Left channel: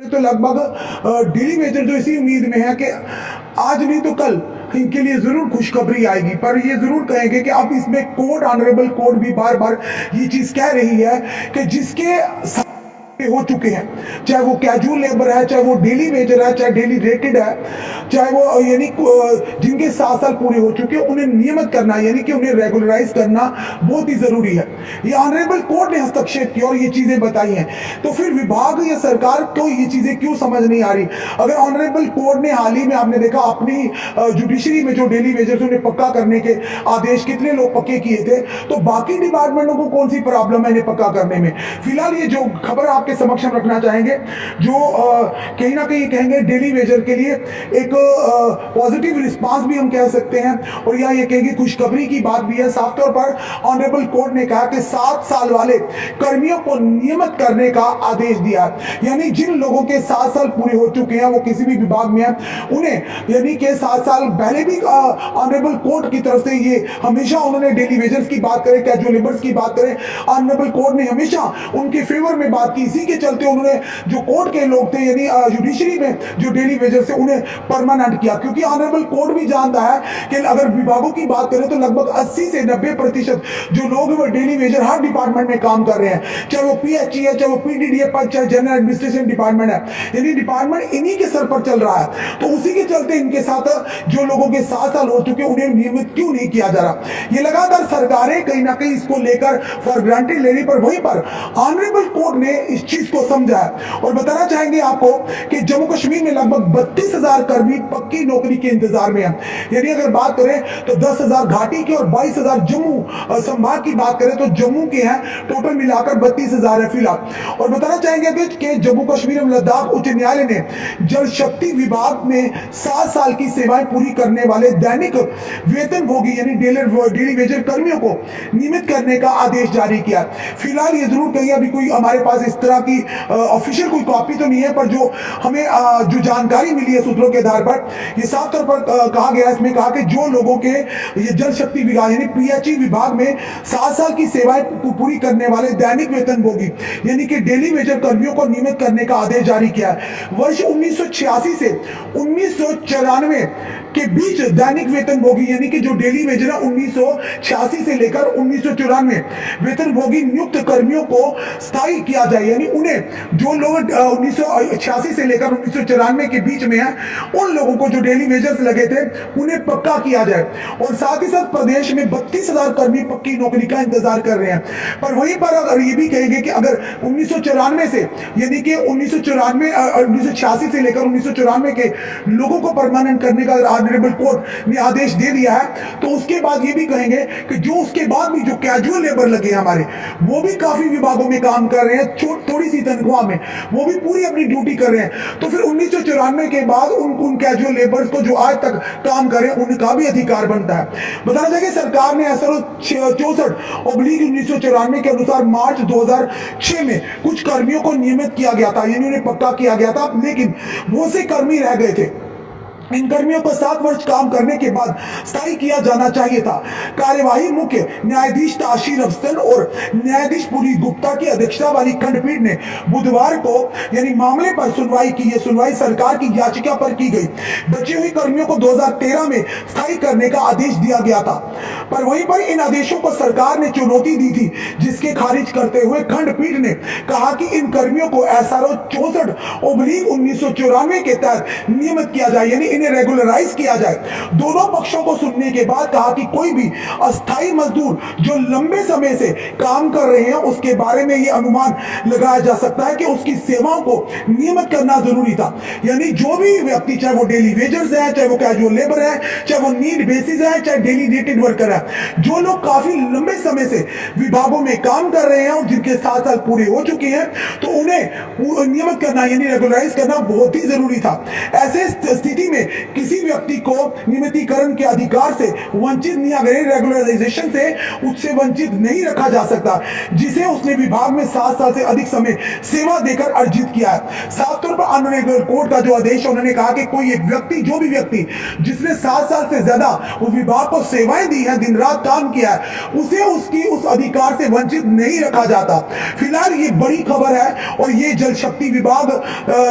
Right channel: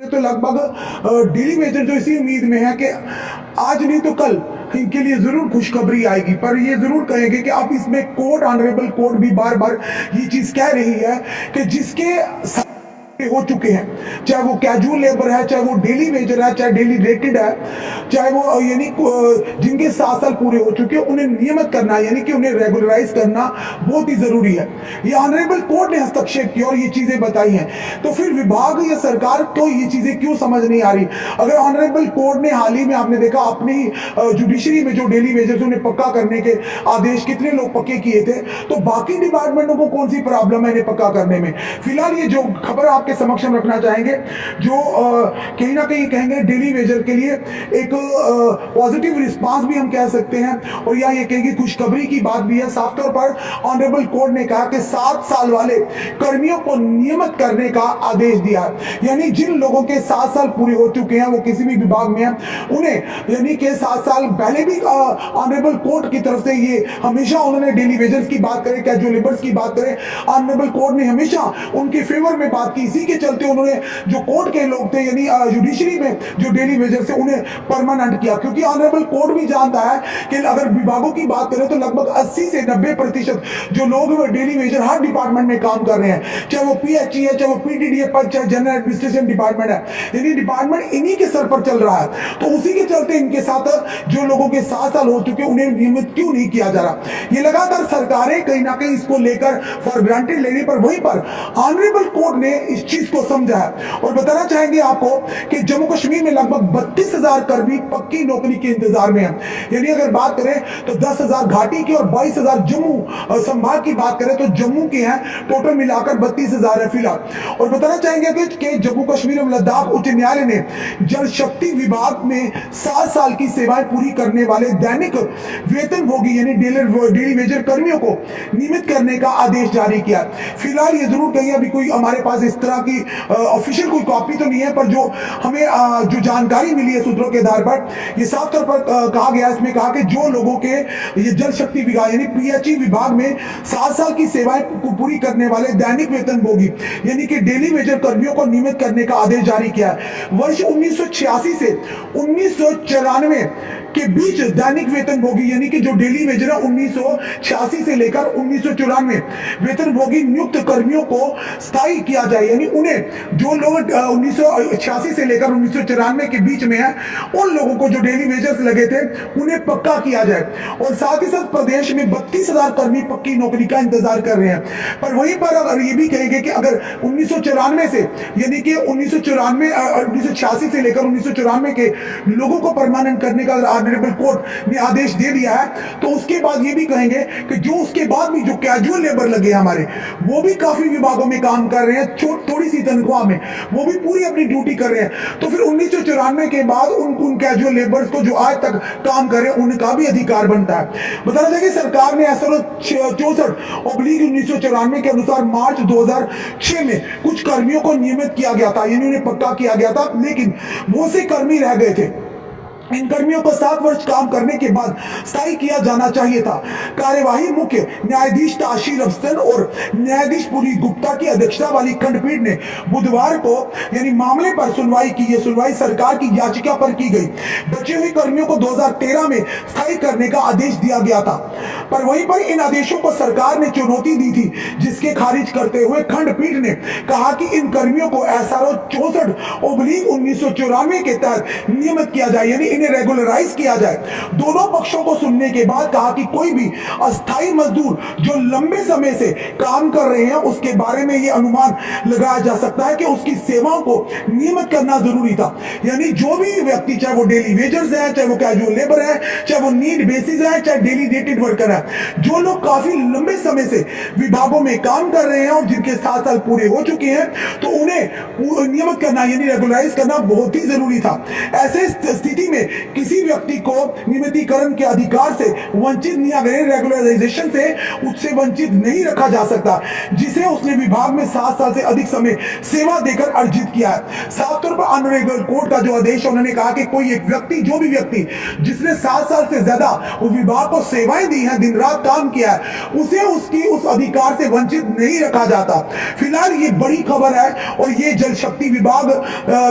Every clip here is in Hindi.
तो लगभग डेली वेजर जो इसी उम्मीद में है कि आज नहीं तो कल इनके लिए जरूर खुशखबरी आएगी, पर ये जरूर कहेंगे कि अब इसमें कोर्ट, ऑनरेबल कोर्ट भी बार बार ये चीज कह रही है कि जिसके हो चुके हैं, चाहे वो कैजुअल लेबर है, चाहे वो डेली वेजर है, चाहे डेली रेटेड है, चाहे वो यानी जिनके 7 साल पूरे हो चुके हैं, उन्हें नियमित करना यानी कि उन्हें रेगुलराइज करना बहुत ही जरूरी है। ये ऑनरेबल कोर्ट ने हस्तक्षेप किया और ये चीजें बताई हैं। तो फिर विभाग या सरकार को ये चीजें क्यों समझ नहीं आ रही? अगर ऑनरेबल कोर्ट ने हाल ही में आपने देखा अपनी जुडिशरी में जो डेली वेजर उन्हें पक्का करने के आदेश कितने लोग पक्के किए थे, तो बाकी डिपार्टमेंटों को कौन सी प्रॉब्लम है इन्हें पक्का करने में? फिलहाल ये जो खबर आपके समक्ष हम रखना चाहेंगे, जो कहीं ना कहीं कहेंगे डेली वेजर के लिए एक पॉजिटिव रिस्पांस भी हम कह सकते हैं, और या ये कहेंगे खुशखबरी की बात भी है। साफ तौर पर ऑनरेबल कोर्ट ने कहा कि 7 साल वाले कर्मियों को नियमित करने का आदेश दिया है। यानी जिन लोगों के 7 साल पूरे हो चुके हैं, वो किसी भी विभाग में हैं, उन्हें यानी कि 7 साल पहले भी ऑनरेबल कोर्ट की तरफ से ये हमेशा उन्होंने डेली वेजर्स की बात करें, कैजुअल लेबर्स की बात करें, ऑनरेबल कोर्ट ने हमेशा उनके फेवर में बात की। इसी के चलते उन्होंने जो कोर्ट के लोग थे यानी जुडिशरी में जो डेली वेजर से उन्हें परमानेंट किया, क्योंकि ऑनरेबल कोर्ट भी जानता है कि अगर विभागों की बात करें तो लगभग 80 से 90% जो लोग वो डेली वेजर हर डिपार्टमेंट में काम कर रहे हैं, चाहे वो पीएचई है, चाहे वो पीडीडी है, चाहे जनरल एडमिनिस्ट्रेशन डिपार्टमेंट है, यानी डिपार्टमेंट इन्हीं के सर पर चल रहा है। तो उसी के चलते इनके साथ जो लोगों के 7 साल हो चुके उन्हें नियमित क्यों नहीं किया जा रहा? ये लगातार सरकारें कहीं ना कहीं इसको लेकर फॉर ग्रांटेड ले रही, पर वहीं पर ऑनरेबल कोर्ट ने इस चीज को समझा है। और बताना चाहेंगे आपको कि जम्मू कश्मीर में लगभग 32,000 कर्मी पक्की नौकरी के इंतजार में हैं। यानी अगर बात करें तो 10,000 घाटी की और 22,000 जम्मू संभाग की बात करें तो जम्मू के हैं, टोटल मिलाकर 32,000 है फिलहाल। और बताना चाहेंगे कि जम्मू कश्मीर एवं लद्दाख उच्च न्यायालय ने जल शक्ति विभाग में 7 साल की सेवाएं पूरी करने वाले दैनिक वेतनभोगी यानी डेली वेजर कर्मियों को नियमित करने का आदेश जारी किया। फिलहाल ये जरूर कहिए अभी कोई हमारे पास इस तरह की ऑफिशियल कोई कॉपी तो नहीं है, पर जो हमें जो जानकारी मिली है सूत्रों के आधार पर, ये साफ तौर पर कहा गया, इसमें कहा कि जो लोगों के ये जल शक्ति विभाग यानी पीएचई विभाग में 7 साल की सेवाएं पूरी करने वाले दैनिक वेतनभोगी यानी कि डेली वेजर कर्मियों को नियमित करने का आदेश जारी किया है। वर्ष 1986 से 1994 के बीच दैनिक वेतनभोगी यानी कि जो डेली वेजर है 1986 से लेकर 1994 वेतनभोगी नियुक्त कर्मियों को स्थायी किया जाए, यानी उन्हें जो लोग 1986 से लेकर 1994 के बीच में हैं, उन लोगों को जो डेली वेजर्स लगे थे उन्हें पक्का किया जाए। और साथ ही साथ प्रदेश में 32,000 कर्मी पक्की नौकरी का इंतजार कर रहे हैं। पर वहीं पर अगर ये भी कहेंगे कि अगर 1994 से यानी कि 1986 से लेकर 1994 के लोगों को परमानेंट करने का ऑनरेबल कोर्ट ने आदेश दे दिया है, तो उसके बाद ये भी कहेंगे कि जो उसके बाद भी जो कैजुअल लेबर लगे हमारे, वो भी काफी विभागों में काम कर रहे हैं थोड़ी सी तनख्वाह में, वो भी पूरी अपनी ड्यूटी कर रहे हैं। तो फिर 1994 के बाद उन कैजुअल लेबर्स को जो आज तक काम करें उनका भी अधिकार बनता है। बताना चाहिए सरकार ने SRO 64/1994 के अनुसार मार्च 2006 में कुछ कर्मियों को नियमित किया गया था, यानी उन्हें पक्का किया गया था, लेकिन वो से कर्मी रह गए थे। इन कर्मियों को 7 वर्ष काम करने के बाद स्थायी किया जाना चाहिए था। कार्यवाही मुख्य न्यायाधीश ताशीर अफसन और न्यायाधीश पुरी गुप्ता की अध्यक्षता वाली खंडपीठ ने बुधवार को यानी मामले पर सुनवाई की। सुनवाई सरकार की याचिका पर की गई। बचे हुए कर्मियों को 2013 में स्थायी करने का आदेश दिया गया था, पर वहीं पर इन आदेशों को सरकार ने चुनौती दी थी, जिसके खारिज करते हुए खंडपीठ ने कहा कि इन कर्मियों को SRO 64/1994 के तहत नियमित किया जाए, यानी इन्हें रेगुलराइज किया जाए। दोनों पक्षों को सुनने के बाद कहा कि कोई भी अस्थायी मजदूर जो लंबे समय से काम कर रहे हैं, उसके बारे में यह अनुमान लगाया जा सकता है कि उसकी सेवाओं को नियमित करना जरूरी था। यानी जो भी व्यक्ति, चाहे वो डेली वेजर्स हैं, चाहे वो कैजुअल लेबर है, चाहे वो नीड बेसिस है, चाहे डेली रेटेड वर्कर है, जो लोग काफी लंबे समय से विभागों में काम कर रहे हैं और जिनके 7 साल पूरे हो चुके हैं, तो उन्हें नियमित करना यानी रेगुलराइज करना बहुत ही जरूरी था। ऐसे स्थिति में किसी व्यक्ति को नियमितीकरण के अधिकार से वंचित नहीं, अगर रेगुलराइजेशन से उससे वंचित नहीं रखा जा सकता जिसे उसने विभाग में 7 साल से अधिक समय सेवा देकर अर्जित किया है। साफ तौर पर ऑनरेबल कोर्ट का जो आदेश है, उन्होंने कहा कि कोई एक व्यक्ति, जो भी व्यक्ति जिसने 7 साल से ज्यादा उस विभाग को सेवाएं दी हैं, दिन रात काम किया है, उसे उसकी उस अधिकार से वंचित नहीं रखा जाता। फिलहाल ये बड़ी खबर है और ये जल शक्ति विभाग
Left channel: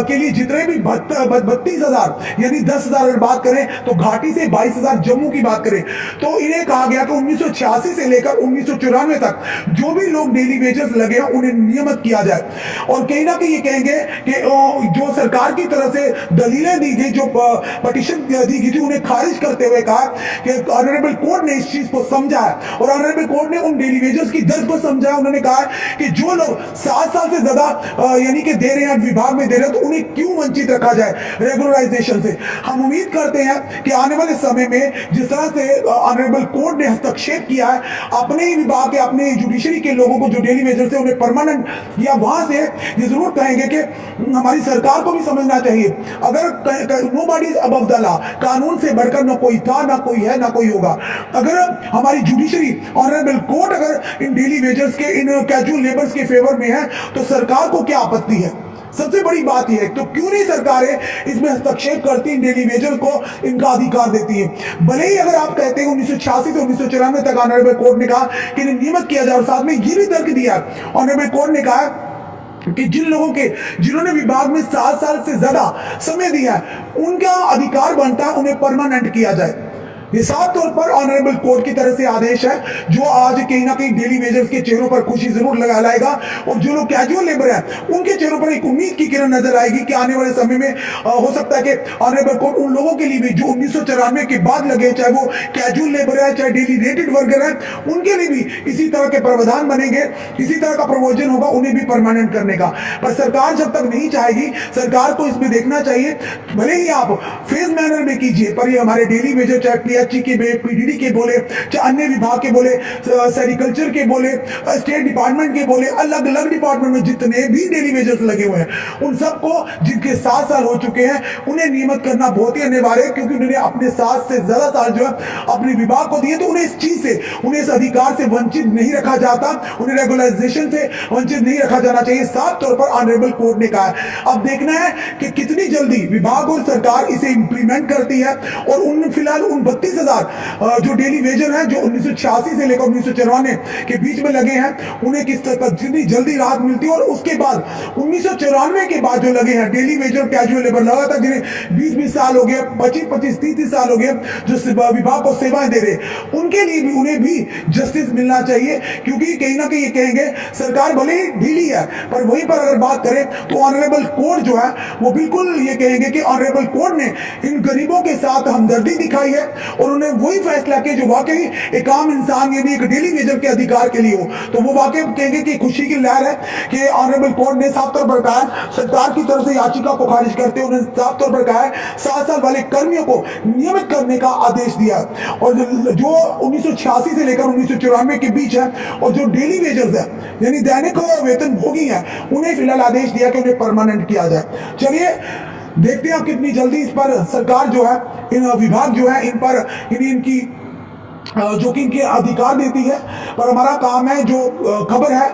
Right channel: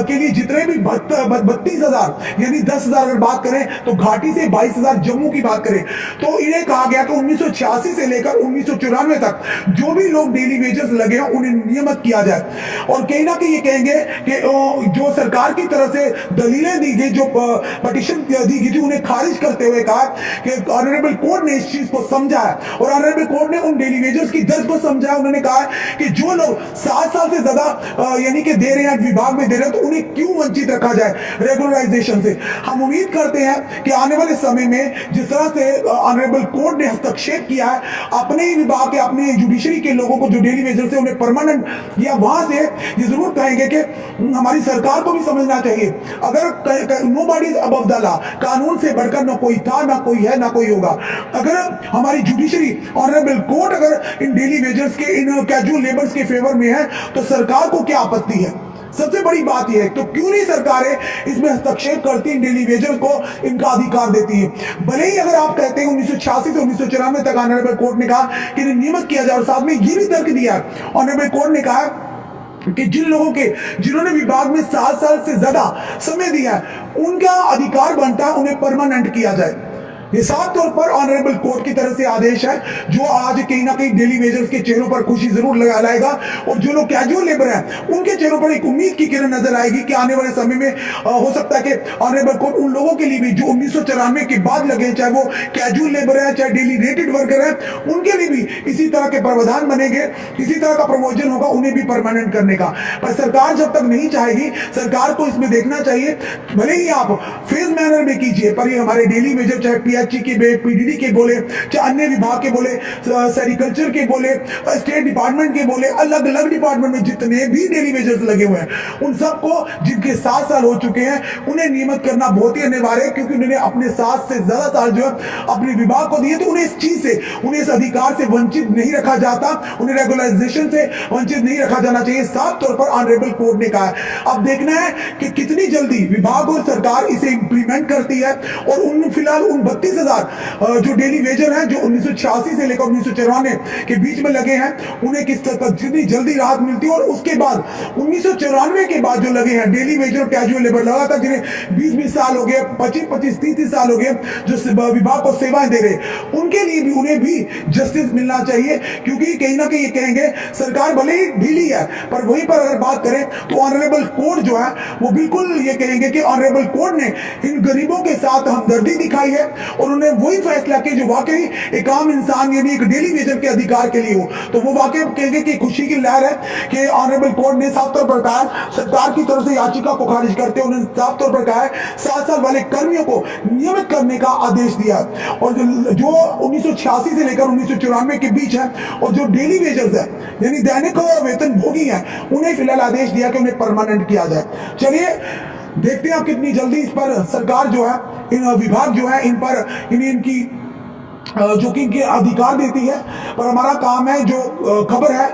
के लिए जितने भी 32,000 यानी 10,000 अगर बात करें तो घाटी से 22,000 जम्मू की बात करें तो इन्हें कहा गया कि 1986 से लेकर 1994 तक जो भी लोग डेली वेजेस लगे हैं उन्हें नियमित किया जाए। और कहीं ना कहीं ये कहेंगे कि जो सरकार की तरफ से दलीलें दी गई, जो पटिशन दी गई थी, उन्हें खारिज करते हुए कहा कि ऑनरेबल कोर्ट ने इस चीज को समझा है और ऑनरेबल कोर्ट ने उन डेली वेजर्स की दर्द को समझा है। उन्होंने कहा कि जो लोग 7 साल से ज्यादा यानी कि दे रहे हैं, विभाग में दे रहे हैं, तो उन्हें क्यों वंचित रखा जाए रेगुलराइजेशन से। हम उम्मीद करते हैं कि आने वाले समय में जिस तरह से ऑनरेबल कोर्ट ने हस्तक्षेप किया है अपने ही विभाग के, अपने जुडिशरी के लोगों को जो डेली वेजर से उन्हें परमानेंट किया, वहां से ये जरूर कहेंगे कि हमारी सरकार को भी समझना चाहिए, अगर nobody is above the law, कानून से बढ़कर ना कोई था, ना कोई है, ना कोई होगा। अगर हमारी जुडिशरी, ऑनरेबल कोर्ट अगर इन डेली वेजर्स के, इन कैजुअल लेबर्स के फेवर में है तो सरकार को क्या आपत्ति है। सबसे बड़ी बात यह है तो क्यों नहीं सरकारें इसमें हस्तक्षेप करती, इन डेली वेजर को इनका अधिकार देती है। भले ही अगर आप कहते हैं 1986 से 1994 तक ऑनरेबल कोर्ट ने कहा कि नियमित किया जाए, और साथ में ये भी तर्क दिया ऑनरेबल कोर्ट ने कहा कि जिन लोगों के, जिन्होंने विभाग में 7 साल से ज्यादा समय दिया है उनका अधिकार बनता है उन्हें परमानेंट किया जाए। ये साफ तौर पर ऑनरेबल कोर्ट की तरफ से आदेश है जो आज कहीं ना कहीं डेली वेजर्स के चेहरों पर खुशी जरूर लाएगा और जो लोग कैजुअल लेबर हैं उनके चेहरों पर एक उम्मीद की किरण नजर आएगी कि आने वाले समय में हो सकता है कि ऑनरेबल कोर्ट उन लोगों के लिए भी जो 1994 के बाद लगे, चाहे वो कैजुअल लेबर है, चाहे डेली रेटेड वर्कर है, उनके लिए भी इसी तरह के प्रावधान बनेंगे, इसी तरह का प्रोविजन होगा उन्हें भी परमानेंट करने का। पर सरकार जब तक नहीं चाहेगी, सरकार को इसमें देखना चाहिए, भले ही आप फेज मैनर में कीजिए, पर ये हमारे डेली वेजर, चाहे के पीडीडी के बोले, चाहे अन्य विभाग के बोले, सेरिकल्चर के बोले, स्टेट डिपार्टमेंट के बोले, अलग अलग डिपार्टमेंट में जितने भी डेली वेजर्स लगे हुए हैं, उन सबको जिनके 7 साल हो चुके हैं उन्हें नियमित करना बहुत ही अनिवार्य है, क्योंकि उन्होंने अपने 7 से ज्यादा साल जो है अपने विभाग को दिए, तो उन्हें इस चीज से, उन्हें इस अधिकार से वंचित नहीं रखा जाता, उन्हें रेगुलराइजेशन से वंचित नहीं रखा जाना चाहिए। साफ तौर पर ऑनरेबल कोर्ट ने कहा है। अब देखना है कि कितनी जल्दी विभाग और सरकार इसे इंप्लीमेंट करती है और उन फिलहाल उन 32,000 जो डेली वेजर हैं जो 1986 से लेकर 1994 के बीच में लगे हैं उन्हें किस तरह जितनी जल्दी राहत मिलती है, और उसके बाद 1994 के बाद जो लगे हैं डेली वेजर, कैजुअल लेबर लगा था, जिन्हें 20-20 साल हो गए, 25-25, 30-30 साल हो गए, जो विभाग को सेवाएं दे रहे, उनके लिए भी, उन्हें भी जस्टिस मिलना चाहिए। क्योंकि कहीं ना कहीं ये कहेंगे सरकार भले ही ढीली है, पर वहीं पर अगर बात करें तो ऑनरेबल कोर्ट जो है वो बिल्कुल ये कहेंगे कि ऑनरेबल कोर्ट ने इन गरीबों के साथ हमदर्दी दिखाई है और उन्हें वही फैसला किया जो वाकई एक आम इंसान यानी एक डेली वेजर के अधिकार के लिए हो। तो वो वाकई कहेंगे कि खुशी की लहर है कि ऑनरेबल कोर्ट ने साफ तौर पर कहा है, सरकार की तरफ से याचिका को खारिज करते हुए उन्होंने साफ तौर पर कहा है 7 साल वाले कर्मियों को नियमित करने का आदेश दिया। और जो 1986 से लेकर 1994 के बीच है और जो डेली वेजर्स है यानी दैनिक वेतन भोगी है, उन्हें फिलहाल आदेश दिया कि उन्हें परमानेंट किया जाए। चलिए देखते हैं आप कितनी जल्दी इस पर सरकार जो है, इन विभाग जो है, इन पर इनकी जो कि इनके अधिकार देती है। पर हमारा काम है जो खबर है,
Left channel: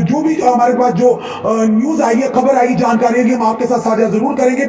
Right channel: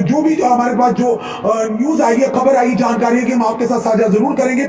जो भी हमारे पास जो न्यूज़ आई है, खबर आई, जानकारी है कि हम आपके साथ साझा जरूर करेंगे।